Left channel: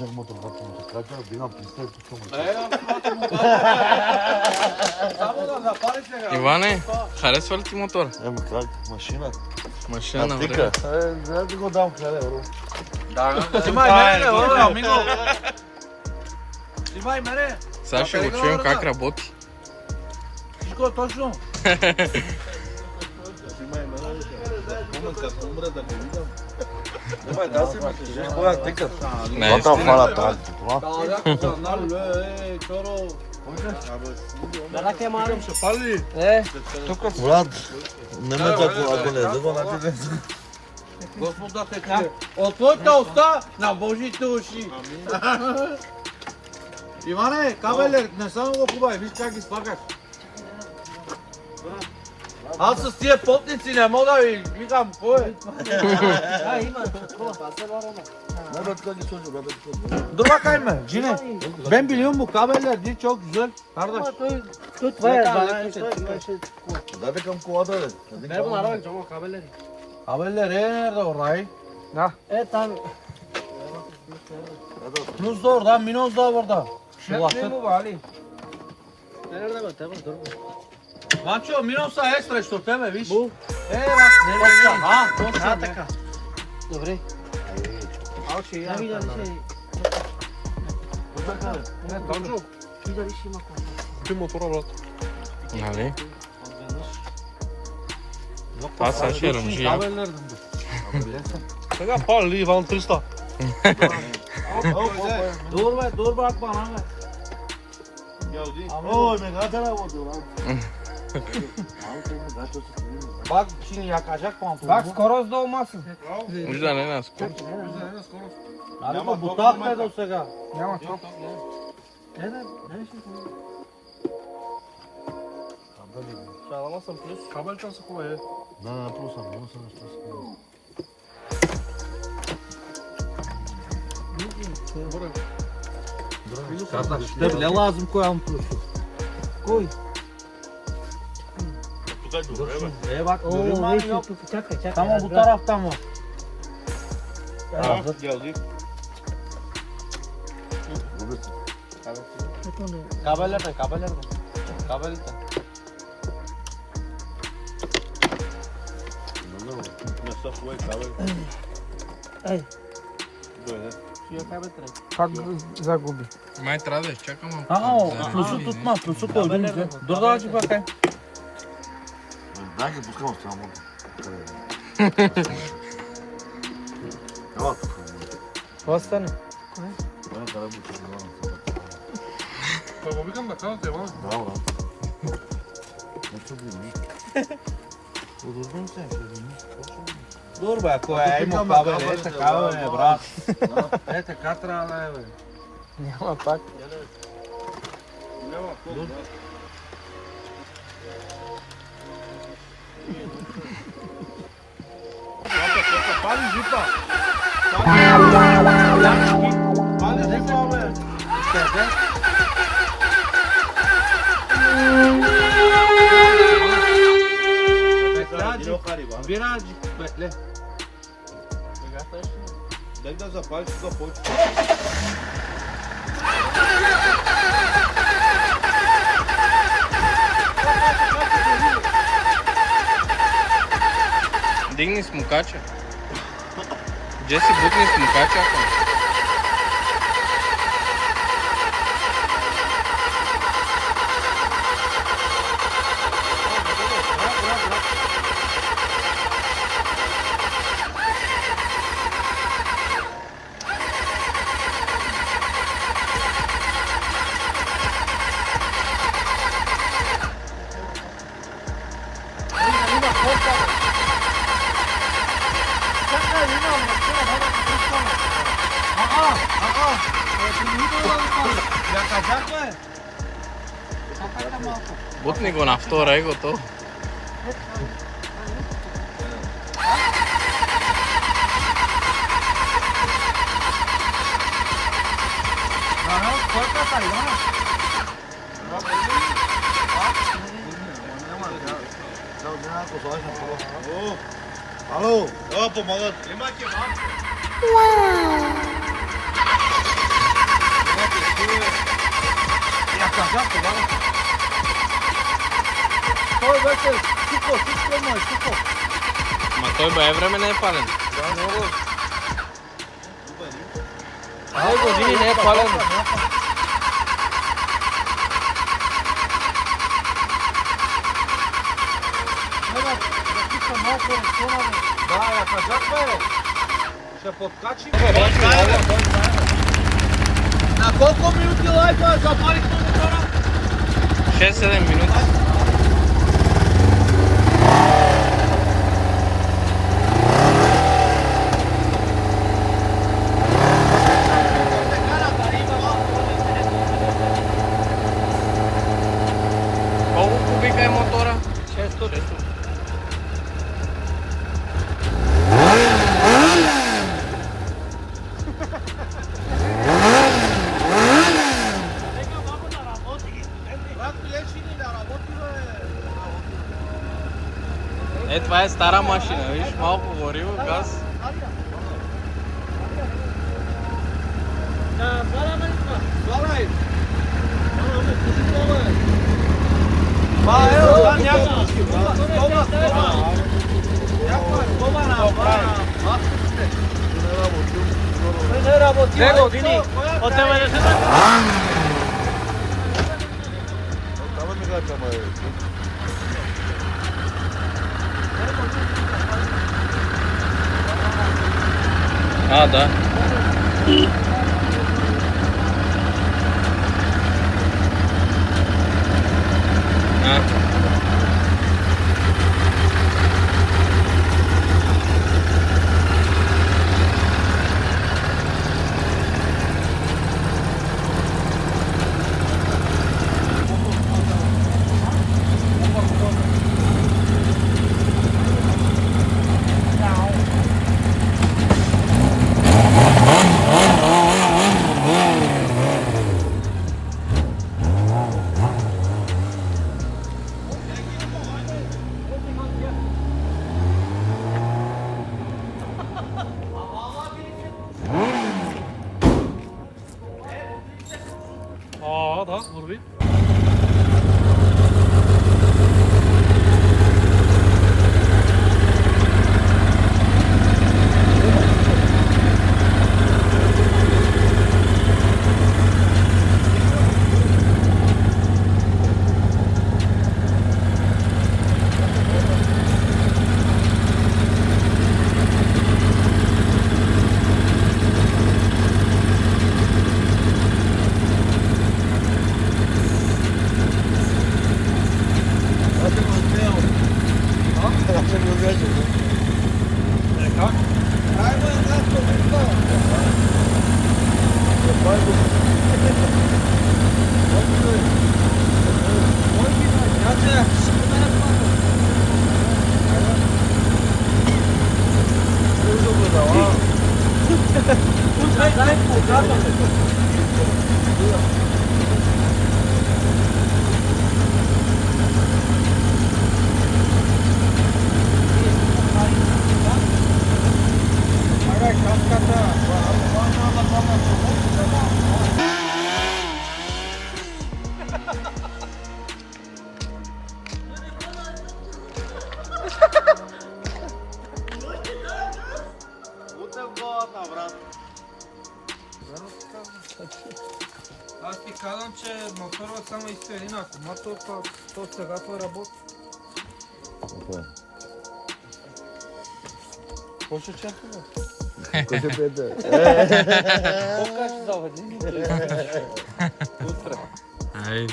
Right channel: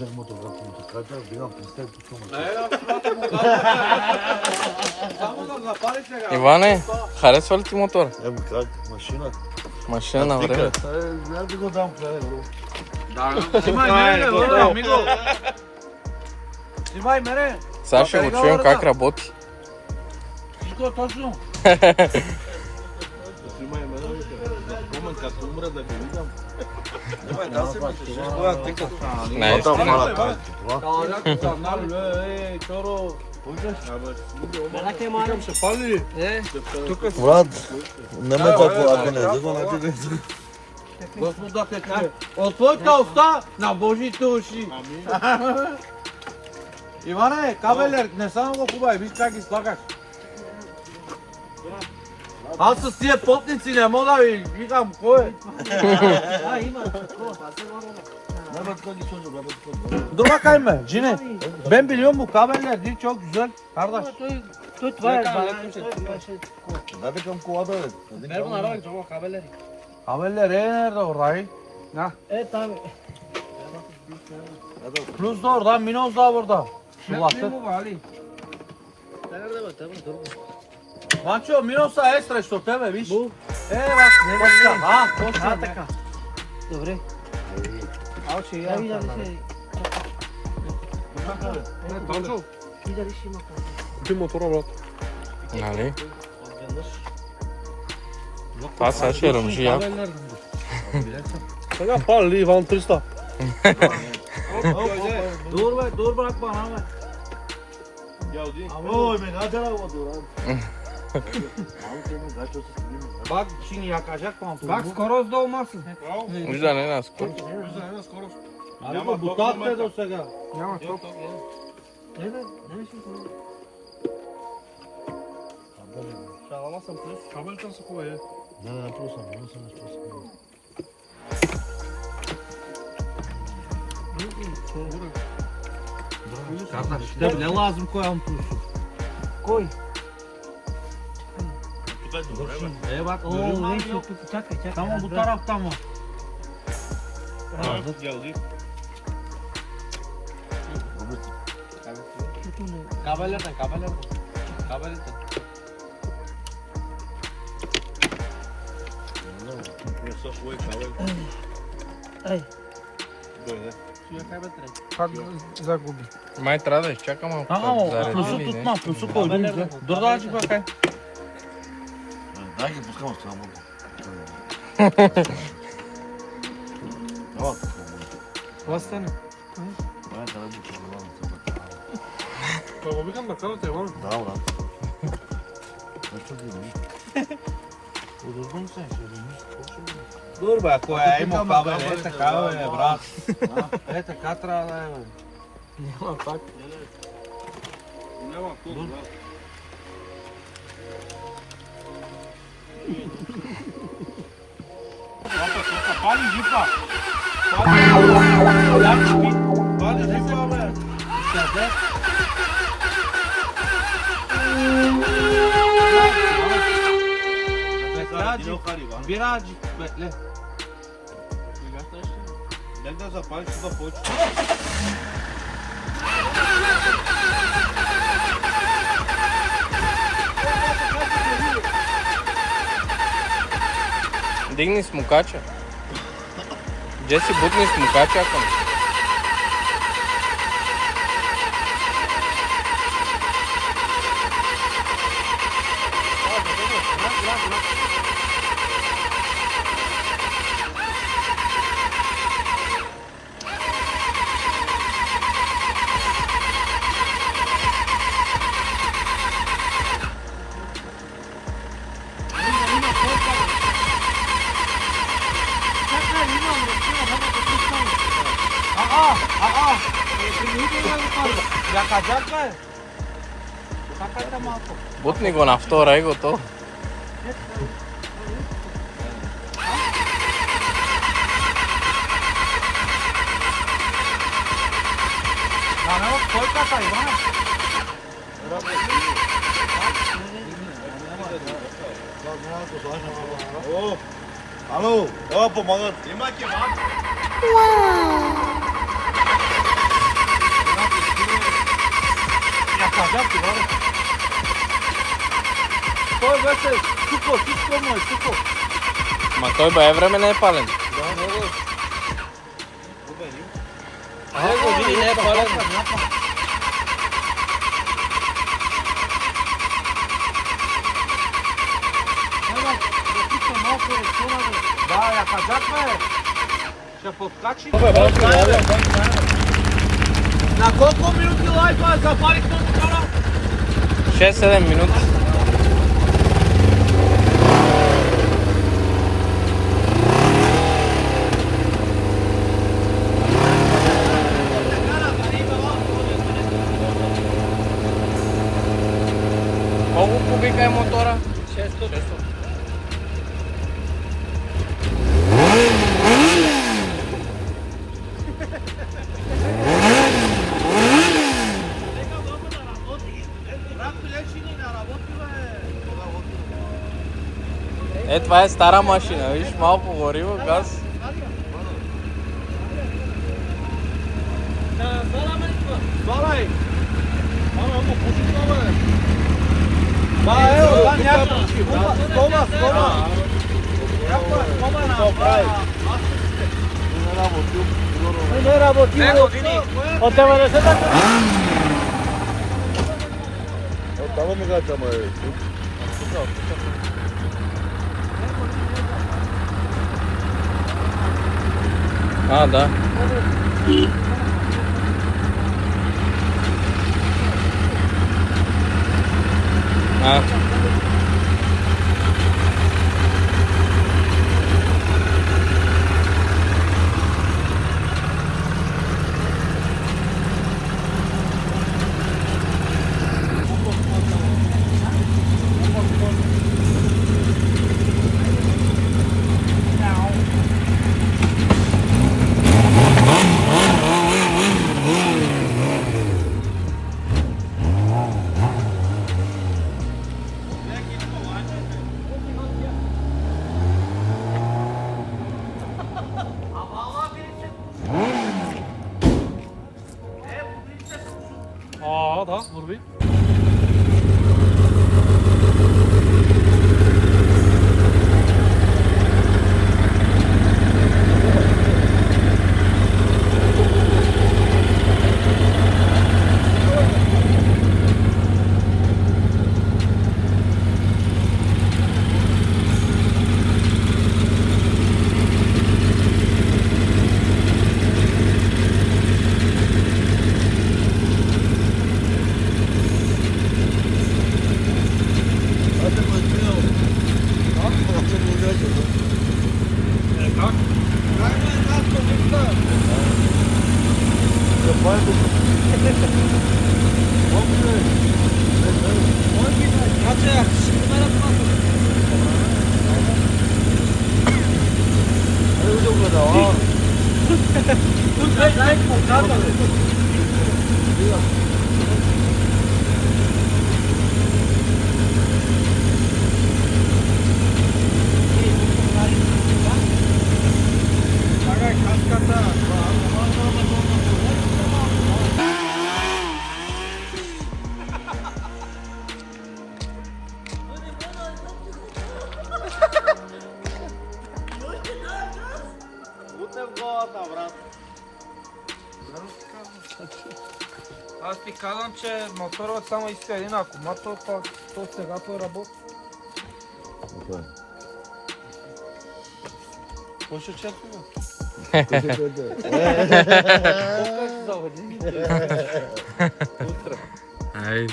공장 모tor 같은 거 가져. 네가 비슷하게 좀. Иване, харесва ли ти мотора? Еми как машина. Машина на време. Да го дам плане, бро. Снимай мене! Сега ще го чуем как работи. Всичко точно! Снимай мене. Спомен като умра да го видам. Да си мислиш, коя тека. Наистина. Чоро! Брат, нема какво, ако не да го напиде. Господа Петре, от твоята уста на Божите уши! Иване, кабелер, не само го пробай, виж как ги слагаш. Аз с тия потници не мога да ви викам кой е. Нема така ги сложи, брат. Добре, кайме, Джине. Ben biliyor mu kabeller değil çok güzel. Kardeş. Tut ver. Даде към колата, бе. Ver bunu arabaya çabuk haberleri. Haberler nerede orayı? Evet abi. Plus da orada, Minoz da burada. Şu vakit. Nerede mi? Tamam. Maço, Minoz da ekstra što tebe, viš? Bu. Bak, ha, to Dobre. se Ja vidim da se... Ti da više ima kod. Нали? Това сега ще ръмжи яко. Сега пали Иван 300. Dur bak bana. Ой, ме гадера води, брат. Bak şimdi yakacak pantolonu. Bak skoroz da olmasın. Вижда не нас. Abi bu takta da сега. Няма çok. Evet, ne işin? Sağlamasın plus. Kabel çası koy. Не, плюсам, плюсам, плюсам. Kardeş, ne lazım koyalım plusu. Koy. Bak, Oo, görünmez neyse. yok. Çak. Tamam bu taraftan mı? Geldik. Kabellerden. Kabellerden. Mesaj koy kahve. Ей, Böyle. suya kaybettirek. Загуби. Май трябва да изчакам малко. Ага, o Зареди plusu ли, не? tutma, plusu koydum bize. Dur da açık bakayım. Дай ги пускам само. Ела. Това стане. Дай да работи. Баба, викам да казвате, Иван. Да, брат. Не чуди. Удобно се, ще видиш. Dur be, koyayım o kabel. Така бе, брат. Така трябва да е, бе. Няма так. Няма код, брат. Пали жипа. Пали жипа, бе. İçeride. Birazcık bekle. Ben de zapal şurada poğaç. Дигни смукача. Джеси, бутни смукача, ако не. Yakacak mı? Бутни го на втора и готово. Kolkata Ivana. Alo, да помагат. Има кебаб. To je zase suko moj, suko. Ma to iba je vreme nepalen. Nego živi ne palimo. Sada, da pita mako je ponovo. Daj, a pa dakle, še podkačim. Na koliko minuti lajkova zapališ na motora? 6-7 minuta. Koliko kubika je motora? 600. Това е стара машина, виж, малко гориво, газ. Hvala. Malo mu puši glave. Pa evo, tam jako puši. Stola. To pravi. Ne raboti. Od tebe ne se da. Tamo ne gađamo je. А, да. А. Aa da vur bir. Аз ти казвам, че моторът само иска един акумулатор, то сега той работи. Кой ще чака? Покажи заведи. Ай.